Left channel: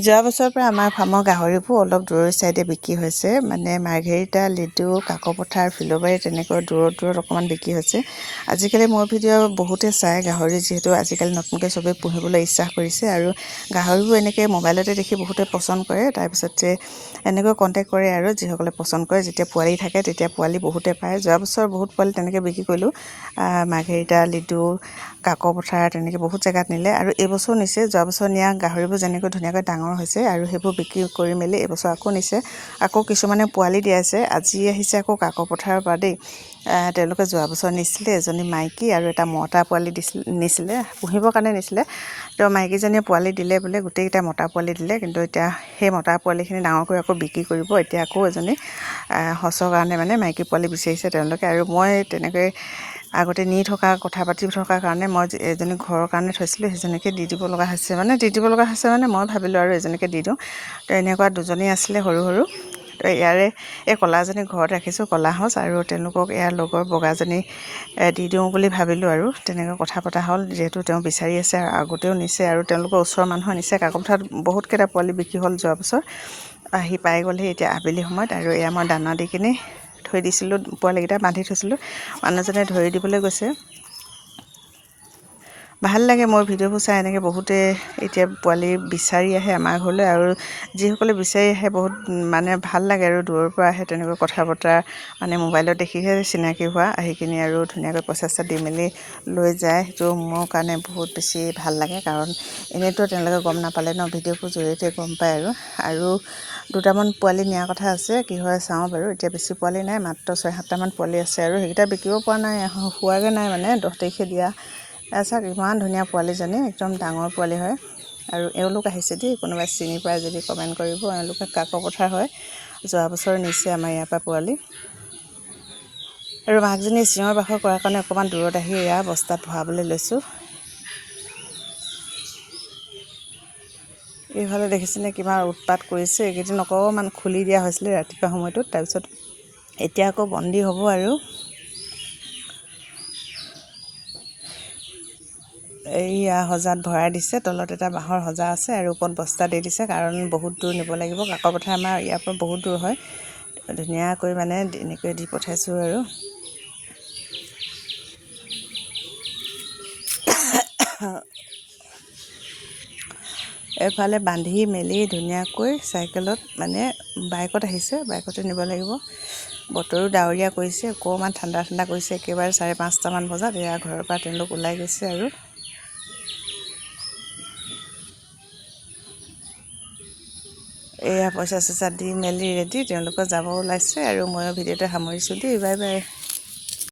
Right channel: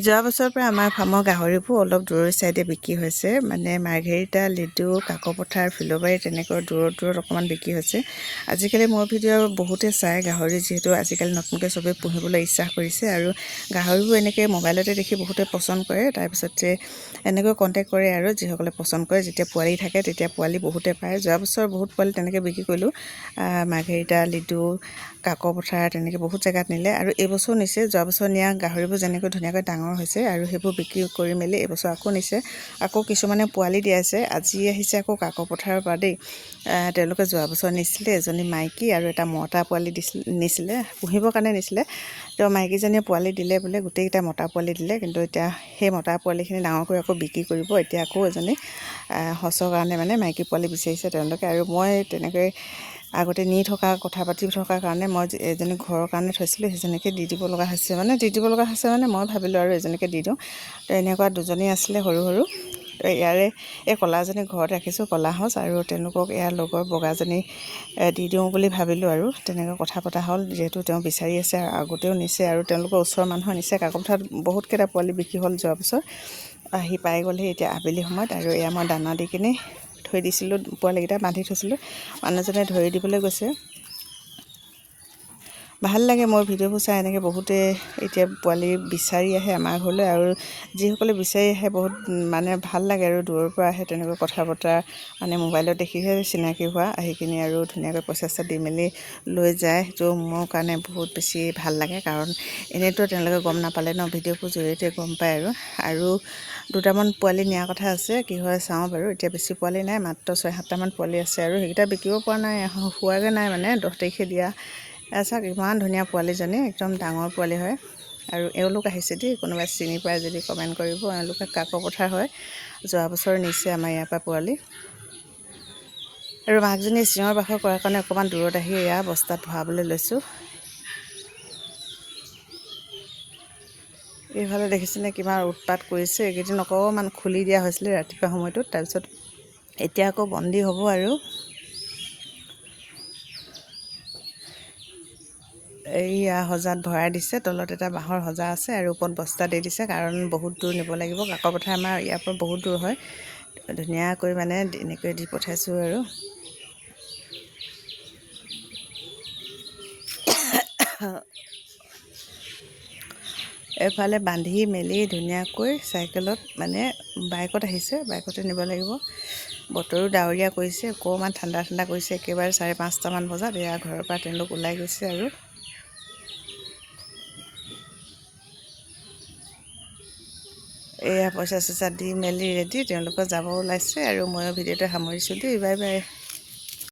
যোৱা বছৰৰ পৰা আমাৰ ফাৰ্মৰ গাহৰিবোৰ অলপ দূৰৰ চাইডে বিক্ৰী হৈছে, মানে মাৰ্ঘেৰিটা, লিডু, কাকপথাৰ, ফিলবাৰী তেনেকৈ দূৰত অকণমান বিক্ৰী হৈছে। আজিকালি মোৰ ভিডিঅ' বহুতে চায় গাহৰি, যিহেতু আজিকালি নতুনকৈ চবেই পুহিবলৈ ইচ্ছা কৰিছে আৰু গাহৰিবোৰ এনেকৈ মোবাইলতে দেখি বহুতে পচন্দ কৰে। তাৰপিছতে এনেকৈ কণ্টেক্ট কৰে আৰু যিসকলে পচন্দ কৰে, যেতিয়া পোৱালি থাকে তেতিয়া পোৱালি বহুতে পায়। যোৱা বছৰ বহুত পোৱালি তেনেকৈ বিক্ৰী কৰিলোঁ, মাৰ্ঘেৰিটা, লিডু, কাকপথাৰ তেনেকৈ বহুত জেগাত নিলে আৰু এইবছৰ নিছে। যোৱা বছৰ নিয়া গাহৰিবোৰ যেনেকৈ ধুনীয়াকৈ ডাঙৰ হৈছে আৰু সেইবোৰ বিক্ৰী কৰি মেলি এইবছৰ আকৌ নিছে। আকৌ কিছুমানে পোৱালি দিয়াইছে। আজি আহিছে আকৌ কাকপথাৰৰ পৰা দেই। তেওঁলোকে যোৱা বছৰ নিছিলে, এজনী মাইকী আৰু এটা মতা পোৱালি নিছিলে, পুহিবৰ কাৰণে নিছিলে। তেওঁ মাইকীজনীয়ে পোৱালি দিলে বোলে, গোটেইকেইটা মতা পোৱালি দিলে, কিন্তু এতিয়া সেই মতা পোৱালিখিনি ডাঙৰ কৰি আকৌ বিক্ৰী কৰিব। এতিয়া আকৌ এজনী সঁচৰ কাৰণে মানে মাইকী পোৱালি বিচাৰিছে তেওঁলোকে, আৰু মই তেনেকৈ আগতে নি থকা কথা পাতি থকাৰ কাৰণে মই এজনী ঘৰৰ কাৰণে থৈছিলোঁ, সেইজনীকে দি দিব লগা হৈছে। মই ভাবিলোঁ আৰু এজনীকে দি দিওঁ। তো এনেকুৱা দুজনী আছিলে সৰু সৰু। তো ইয়াৰে এই ক'লাজনী ঘৰত ৰাখিছোঁ, ক'লা সঁচ, আৰু তেওঁলোকক ইয়াৰ লগৰ বগাজনী দি দিওঁ বুলি ভাবিলোঁ আৰু তেনেকৈ কথা পতা হ'ল। যিহেতু তেওঁ বিচাৰি আছে আৰু আগতেও নিছে আৰু তেওঁলোকৰ ওচৰৰ মানুহে নিছে। কাকপথাৰত বহুতকেইটা পোৱালি বিক্ৰী হ'ল যোৱা বছৰ। আহি পাই গ'লহি এতিয়া আবেলি সময়ত, আৰু এয়া মই দানা দি কিনি থৈ দিছিলোঁ, পোৱালিকেইটা বান্ধি থৈছিলোঁ। মানুহজনে ধৰি দিবলৈ গৈছে। ভাল লাগে মোৰ ভিডিঅ'বোৰ চাই। এনেকৈ বহুতে এতিয়া পোৱালি বিচাৰি আহে আমাৰ ঘৰলৈ, আৰু যিসকলে বিচাৰি আহে বহুত মানে ভাল লাগে আৰু দূৰৰ পৰা আহে, তেনেকৈ কথা বতৰা মানে মোবাইলত দেখিহে চিনাকি হোৱা, আহি কিনি আৰু ধুনীয়াকৈ পইচা দি মেলি লৈ যায়। সেইটো মোৰ কাৰণে বহুত বেছি ভাল লাগে, কাৰণ এনেইতো তেওঁলোকে গম নাপালে ন, ভিডিঅ'বোৰ জৰিয়তে গম পায় আৰু দুটামান পোৱালি নিয়াৰ কথা আছে, কি হয় চাওঁ বাৰু। এতিয়া বেছি পোৱালি নাই, মাত্ৰ 6-7টামান পোৱালি আছে, আৰু সেইকেইটা বিকিব পৰা নাই, হোৱাগৈ নাই, মানে 10 তাৰিখে দিয়া। চাওক ইমান ধুনীয়া পোৱালিজনী, একদম ডাঙৰ পোৱালি হয়। আৰু এওঁলোক আহিছে দেই, কোনোবাই চিনি পায় যদি কমেণ্ট কৰিব। এওঁলোকে কাকপথাৰ হয়, যোৱা বছৰ নিছে আমাৰ ইয়াৰ পৰা পোৱালি। আৰু মাকজনী চিঞৰ বাখৰ কৰাৰ কাৰণে অকণমান দূৰত আহি এয়া বস্তাত ভৰাবলৈ লৈছোঁ। এইফালে দেখিছেনে কিমান উৎপাত কৰিছে। এইকেইদিন অকণমান খুলি দিয়া হৈছিলে ৰাতিপুৱা সময়টোত, তাৰপিছত এতিয়া আকৌ বন্দী হ'ব। আৰু এইয়া সজাত ভৰাই দিছে, তলত এটা বাঁহৰ সজা আছে আৰু ওপৰত বস্তা দি দিছে, কাৰণ বহুত দূৰ নিব লাগিব। কাকপথাৰ আমাৰ ইয়াৰ পৰা বহুত দূৰ হয়। ধুনীয়াকৈ মানে এনেকৈ দি পঠাইছোঁ আৰু এফালে বান্ধি মেলি ধুনীয়াকৈ চাইকেলত, মানে বাইকত আহিছে, বাইকতে নিব লাগিব। বতৰো ডাৱৰীয়া কৰিছে, অকণমান ঠাণ্ডা কৰিছে। একেবাৰে 5:30মান বজাত এয়া ঘৰৰ পৰা তেওঁলোক ওলাই গৈছে আৰু এয়া পইচা চইচা দি মেলি ৰেডি, তেওঁলোকৰ যাব ওলাইছে। আৰু ময়ো ভিডিঅ'টো সামৰিছোঁ দেই, বাই বাই।